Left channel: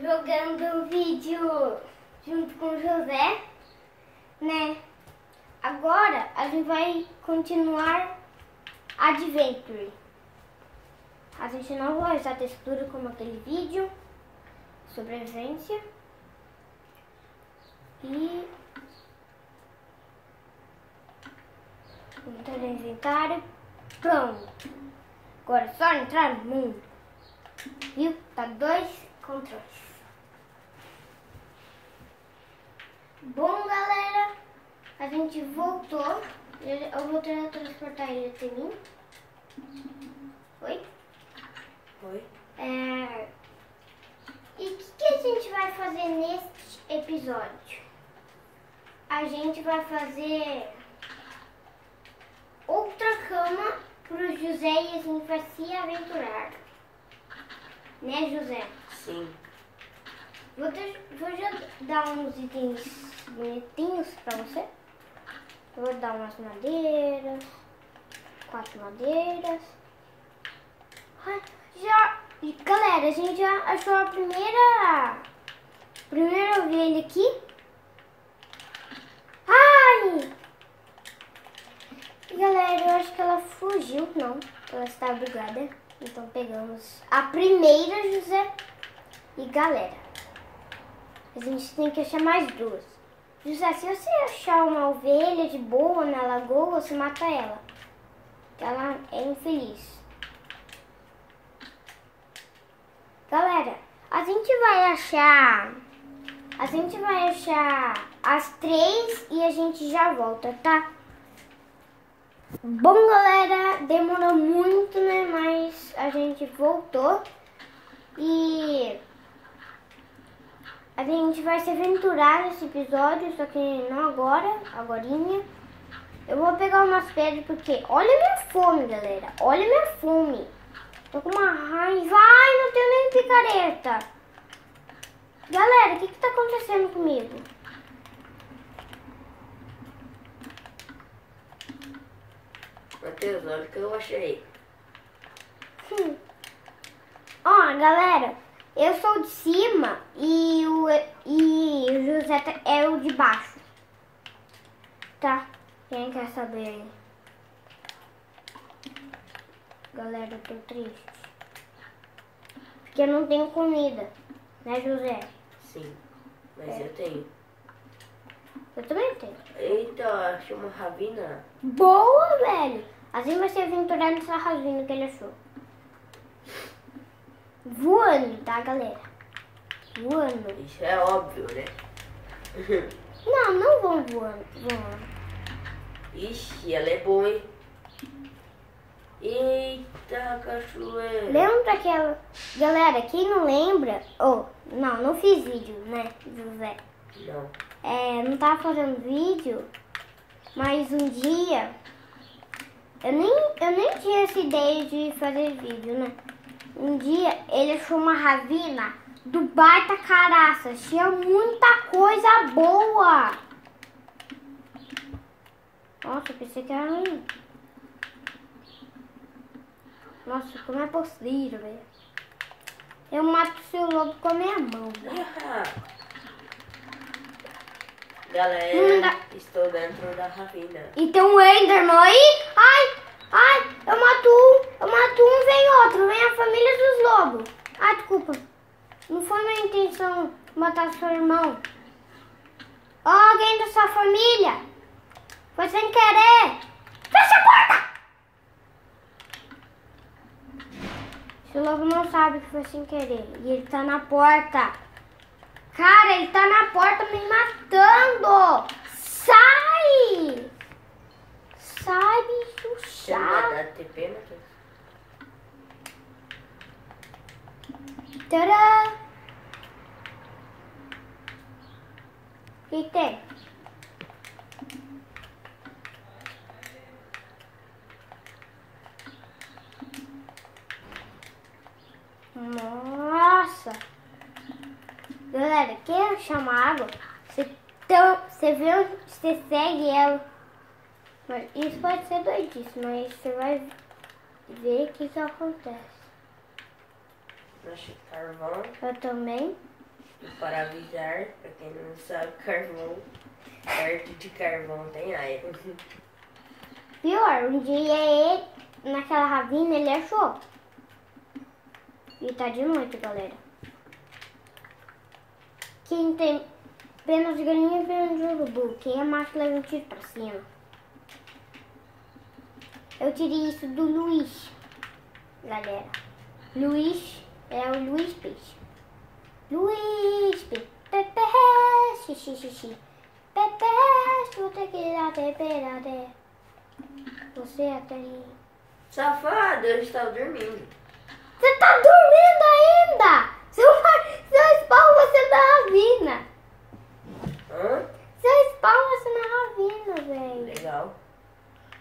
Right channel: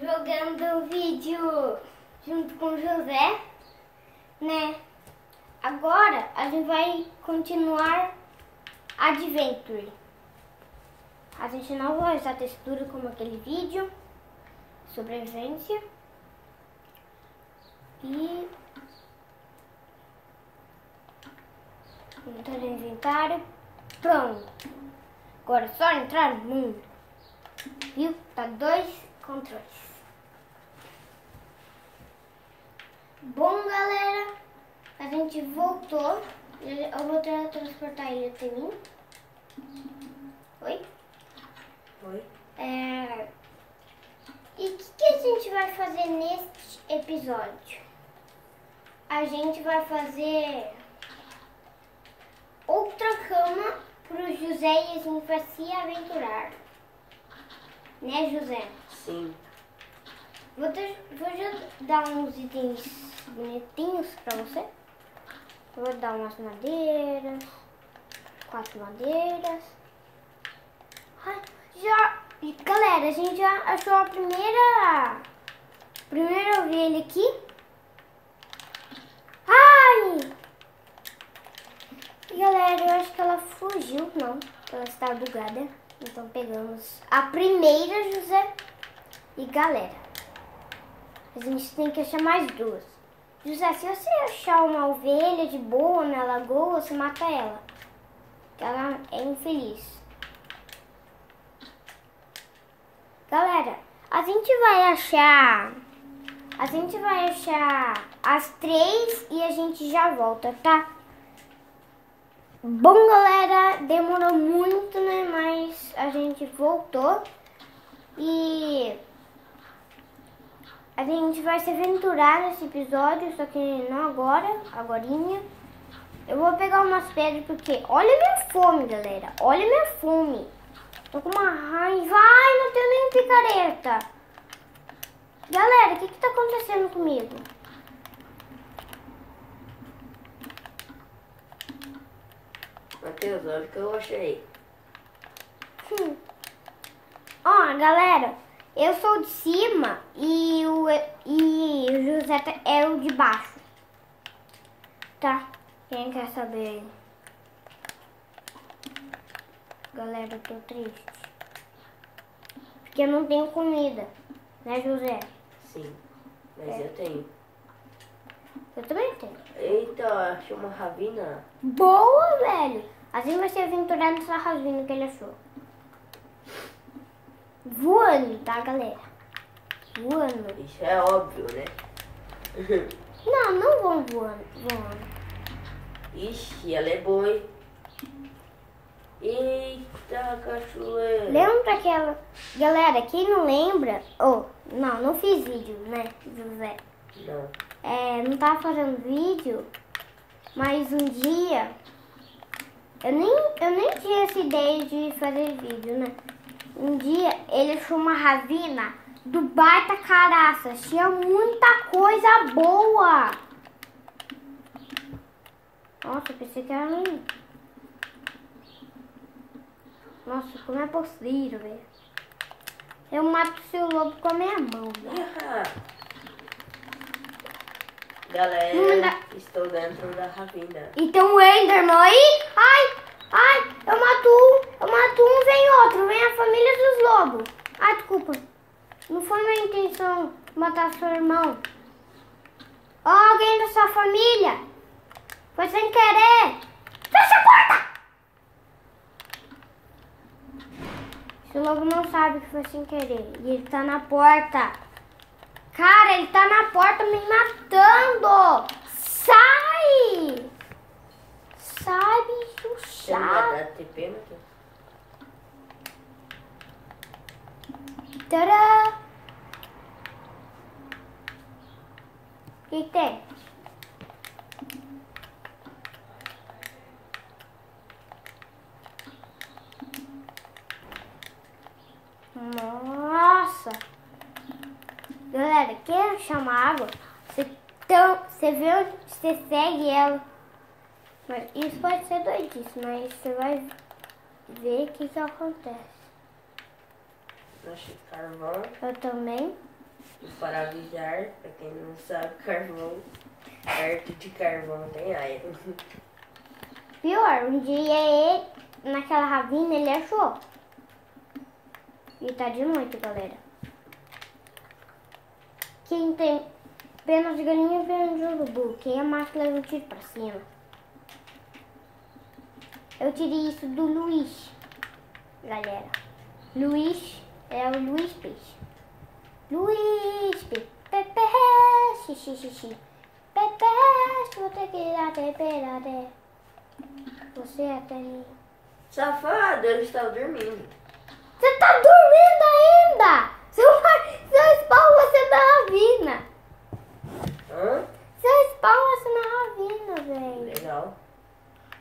jogando um vídeo junto com o José, né? Agora a gente vai continuar Adventure. A gente não vai usar textura como aquele vídeo, sobrevivência. E entrar no inventário. Pronto. Agora é só entrar no mundo. Viu? Tá 2 controles. Bom, galera, a gente voltou. Eu vou transportar ele até mim. Oi? Oi? E o que a gente vai fazer neste episódio? A gente vai fazer outra cama pro José e a gente vai se aventurar. Né, José? Sim. Vou já dar uns itens bonitinhos pra você. Vou dar umas madeiras. 4 madeiras. Galera, a gente já achou a primeira ovelha aqui. Ai! Galera, eu acho que ela fugiu. Não, ela está bugada. Então pegamos a primeira, José. E galera, a gente tem que achar mais 2. José, se você achar uma ovelha de boa na lagoa, você mata ela. Porque ela é infeliz. Galera, a gente vai achar as 3 e a gente já volta, tá? Bom, galera, demorou muito, né? Mas a gente voltou e a gente vai se aventurar nesse episódio, só que não agorinha. Eu vou pegar umas pedras porque olha a minha fome, galera. Olha a minha fome. Tô com uma raiva. Ai, não tenho nem picareta. Galera, o que tá acontecendo comigo? Matheus, olha o que eu achei. Ó, galera, eu sou de cima e o José é o de baixo. Tá? Quem quer saber? Galera, eu tô triste. Porque eu não tenho comida. Né, José? Sim, mas eu tenho. Eu também tenho. Eita, achei uma ravina. Boa, velho. Assim vai se aventurar nessa ravina que ele achou. Voando, tá, galera? Voando. Isso é óbvio, né? Não vão voando. Ixi, ela é boa, hein? Eita, cachoeira. Lembra aquela... Galera, quem não lembra... não fiz vídeo, né, José? Não. Não tava fazendo vídeo, mas um dia... Eu nem tinha essa ideia de fazer vídeo, né? Um dia ele achou uma ravina do baita caraça. Tinha muita coisa boa. Nossa, eu pensei que era mim. Nossa, como é possível, velho? Eu mato o seu lobo com a minha mão, velho. Galera, estou dentro da ravina. E tem um Enderman aí. Ai, eu mato um, vem outro. Vem a família dos lobos. Ai, desculpa. Não foi minha intenção matar seu irmão. Alguém da sua família. Foi sem querer. Fecha a porta! Esse lobo não sabe que foi sem querer. E ele tá na porta. Cara, ele tá na porta me matando. Sai! Sai, bicho Você não vai chato. dar TP, Matheus? Tadã! O que tem? Nossa! Galera, quer chamar água? Você vê onde você segue ela. Mas isso pode ser doidice, mas você vai ver o que acontece. Achei carvão. Eu também. Para avisar, pra quem não sabe, carvão, perto de carvão tem iron. Pior, um dia ele, naquela ravina, ele achou. E tá de noite, galera. Quem tem penas de galinha e penas de urubu, quem é macho leva um tiro pra cima. Eu tirei isso do Luiz, galera. Luiz é o Luiz Peixe. Luiz Peixe, Pepe, xixi, Pepe, vou ter que dar temperada. Você é até... Safado, eles estão dormindo. Você tá dormindo ainda? Seu spawn vai ser na ravina. Hã? Seu spawn vai ser na ravina, velho. Legal.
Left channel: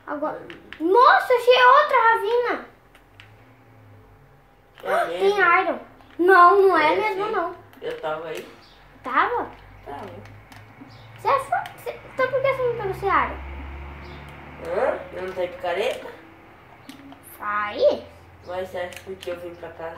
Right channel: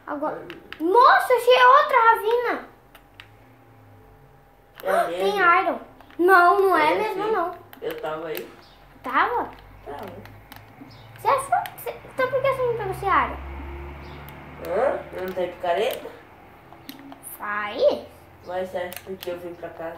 Agora... Nossa, achei outra ravina. É Tem mesmo? iron. Não, não é É, mesmo sim. não. Eu tava aí. Tava? Tava. Você achou? Então por que você não pegou esse iron? Hã? Não tem picareta? Aí. Mas acho porque eu vim pra cá.